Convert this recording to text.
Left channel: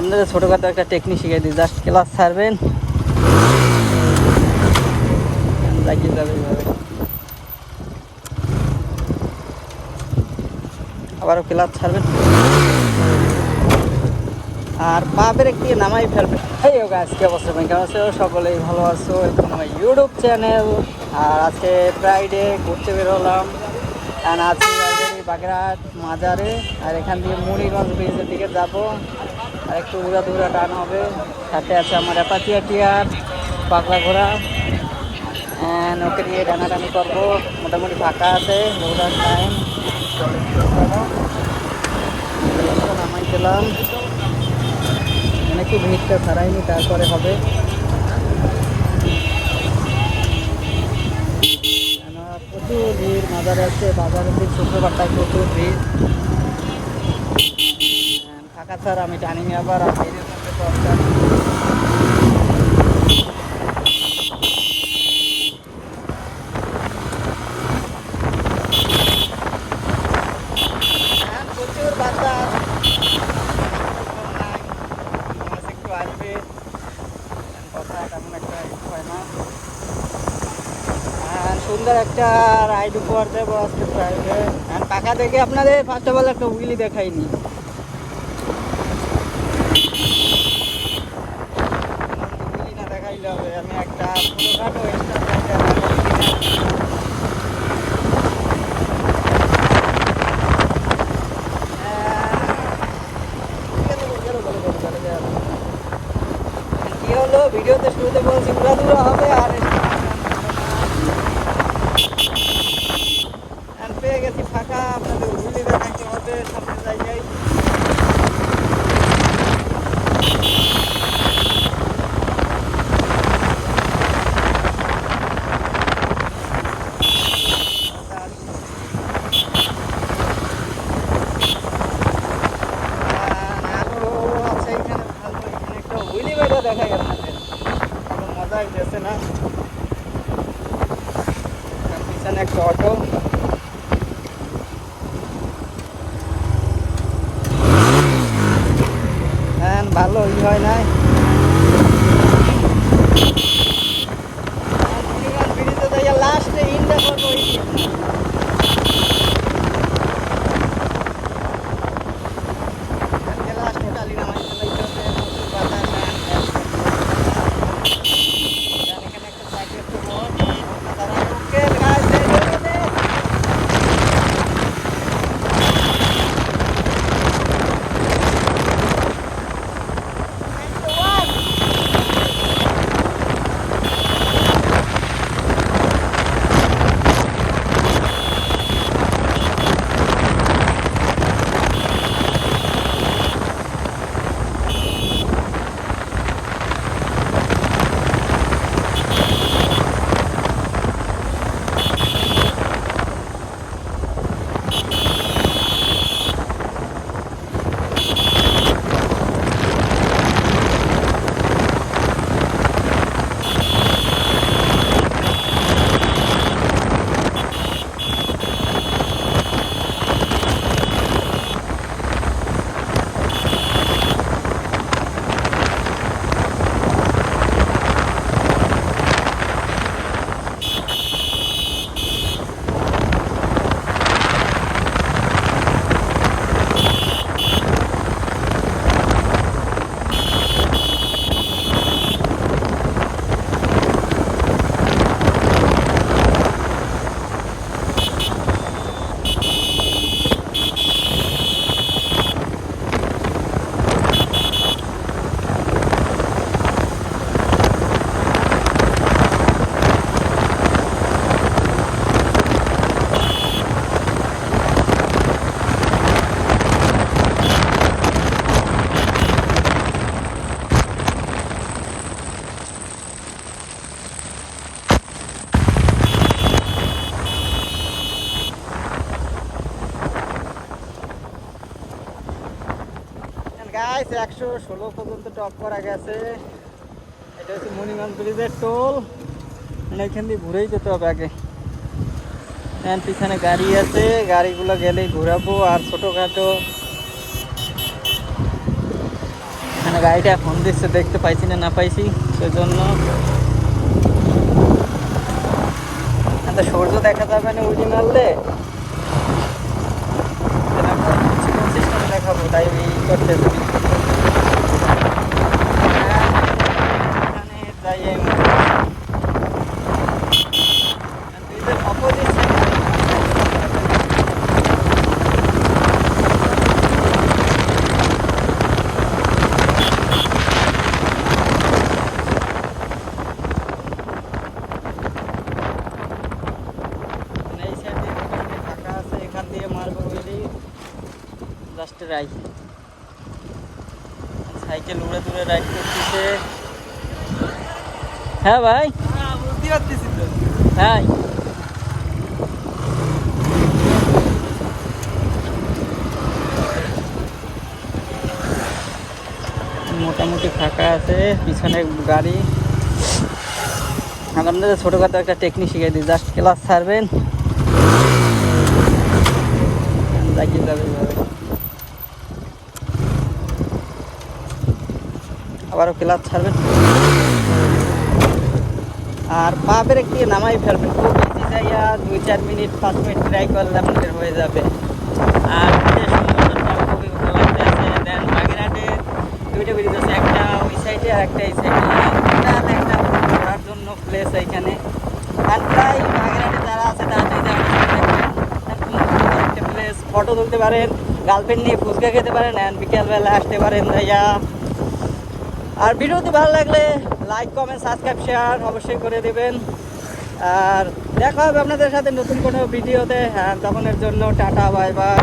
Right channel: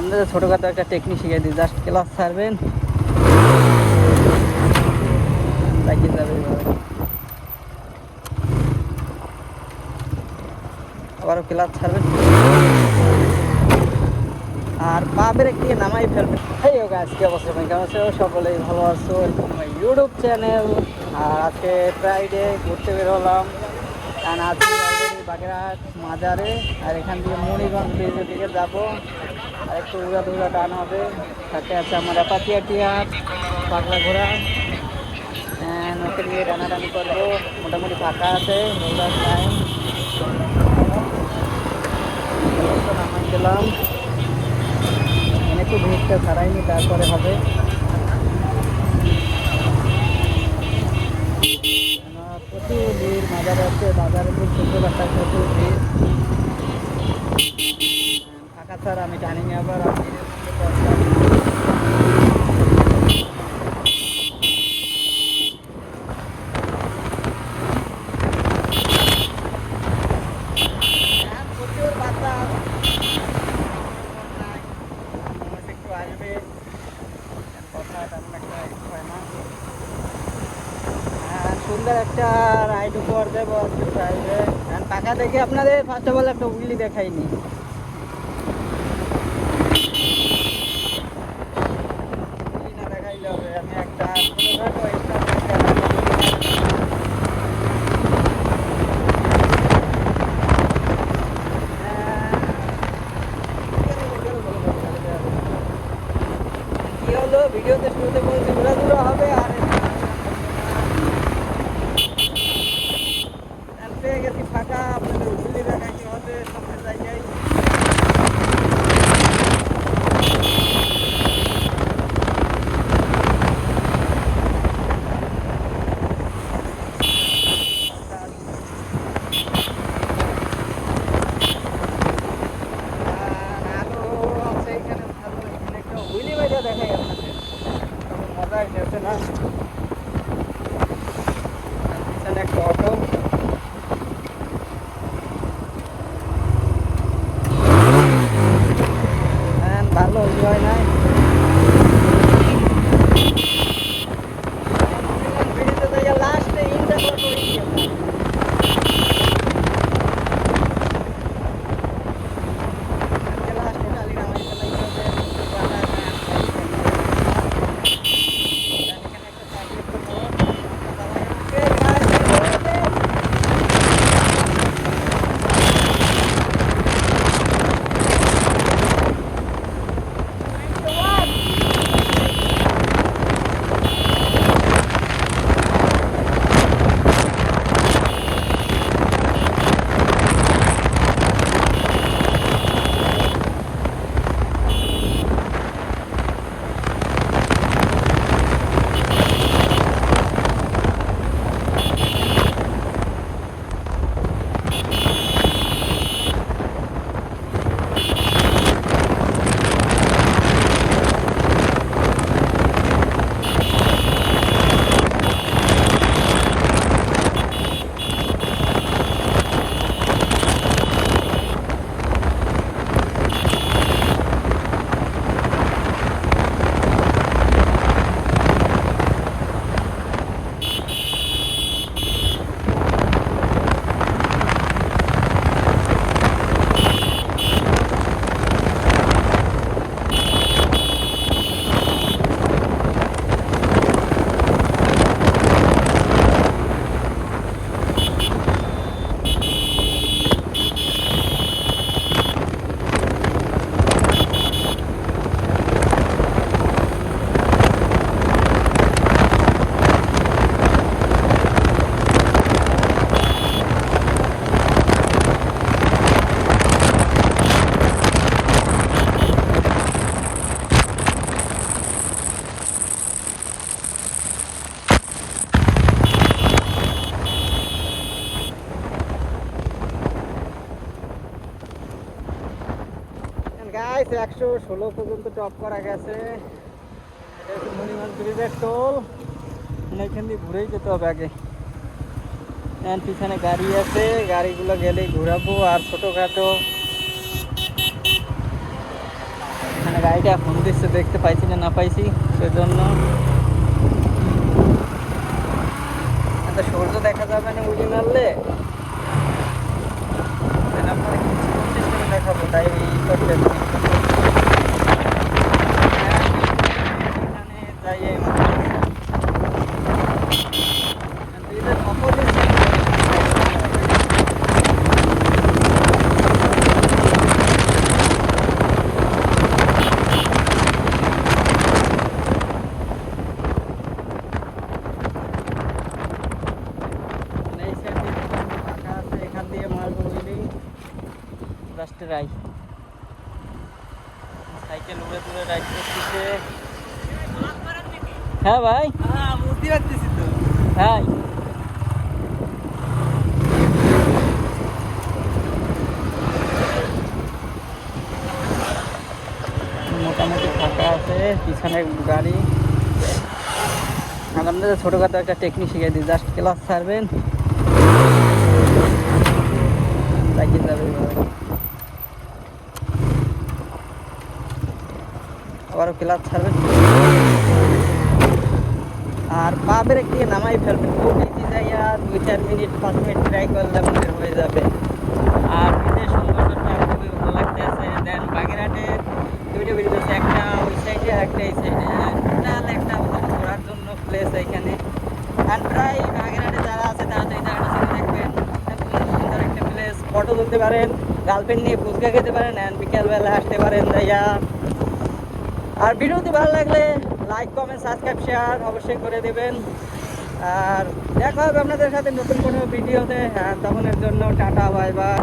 আপনাদের ছোটোখাটো একটা টেকনিক শিখিয়ে দিই জাস্ট ক্লাস ছাড়বেন। যাবে আবারও ক্লাস ছাড়বেন। আর পা ব্রেক নামাই ফেলবেন। এই হোক আজকে অবস্থা? ভাই, কেমন আছো? সকলেই ভালো আছো? Welcome to my YouTube channel আর আজকে ফ্রাইডে ঘুরতে বের হলাম কারণ আজকে বাগেরহাট মাজারে। আর এখান থেকে মণিগঞ্জ ব্রিজের দিকে যাব। আর একটু উড়া ধুরা টান হবে। সাথে আছে আমার অ্যাপাচিয়া টিয়ার পাগলা ঘোড়া। ওকে নিয়ে টানাটানি করব। মোটামুটি ফাঁকা আছে রোজার টাইম নামাই দিলাম। এখানে একটু ভিড়টা ছাড়াইনি, তারপরে হবে। প্রচুর ভিড় বাজারে আছে বাজারের দিন শুক্রবারটায় প্রচুর ভিড়। ফাঁকা ছাড়া, আমি জানি না আবার একটা প্রচুর একটু আসবে। কথা একটা হয় না। সুন্দর একটা রাইড উপহার দেবো আজকে ফ্রাইডে আর পাকা থেকে আপনাদের ফার্স্ট অফ অল একটা উইলি দেখাইনি। আমি একটা ছোটোখাটো হলো ভিডিওতে শুরুতে বলছি ঘোরা দূরা হবে আর পেয়ে গেছি ফাঁকা আপনাদের হুগলি দেখাইতে হবে সামনে জায়গায় আর আরও আছে এখানে ভালো এখানে একটা হুইলি বাইরে দেখাই আপনাদের। ভালো মজা হইতেছে না? একটা অটো হ্যাঁ ভালো, ই হয় নাই। লাস্টে ইনটা করব ওই গাইস একশো ষোলো পর্যন্ত টপ করা গেছে। এটা হচ্ছে মণিগঞ্জ ব্রিজের টোল মানে এখান দিয়ে ঘুরেই যেতে হবে আগে। And পিছনে গাড়ি আছে। গাড়িগুলো গেলেই ঘোরাবো, আর ছোটোখাটো। এখানে গাড়িটা ফোন দিচ্ছে, দেখতে পাইছি না না পাইছি, সেজন্য। সূর্য দেখা যাবে না উড়ি মারলে? দেখাবো। তাই করতে হ্যাঁ, এখানে যাই এই মাত্র। দুইটার opposite side এ এই সাইড দিয়ে ফাঁকা আছে এখান দিয়ে মারবো বুঝলেই জাস্ট রাইট সাইকেল উড়ে দূরে রাইড করতেছে। হ্যাঁ ভাই। হ্যাঁ ভাই। মোটামুটি ফাঁকা আছে পিছনে গাড়ি। আর আপনাদের ছোটোখাটো একটা টেকনিক শিখিয়ে দিই জাস্ট ক্লাস ছাড়বেন। লাগিয়ে যাবে এইভাবে আবারও ক্লাস ছাড়বেন। আর পা ব্রেক নামাই ফেলবেন। খুব ইজি জায়গা, দুই চার মিনিট, পাঁচ মিনিট ট্রাই করলে আপনাদের হয়ে যাবে। আর যে সৌন্দর্যটা খুবই ভালো লাগতে আছে, দেন বাগেরহাটে দুইটা ব্রিজ আছে একটা, ওই সাইডে আর একটা এই সাইডে একটা ঘোরার জন্য প্লেস এইখানে। আর প্রায় বাগেরহাটে যারা আছে, তারা তো এই জায়গাটা একটা প্লেস ফটো তুলতে পারেন গার্লফ্রেন্ড নিয়ে ফুচকা খেতে পারেন অ্যান্ড বিকেলবেলা আসতে পারেন জায়গা। আর ভিডিওটি ভালো লাগলে লাইক কমেন্ট সাবস্ক্রাইব শেয়ার অবশ্যই করে দেবেন। আর দেখা হবে আপনাদের সাথে নতুন কোনো ভিডিওতে। হ্যাঁ তখনের জন্য টাটা বাই বাই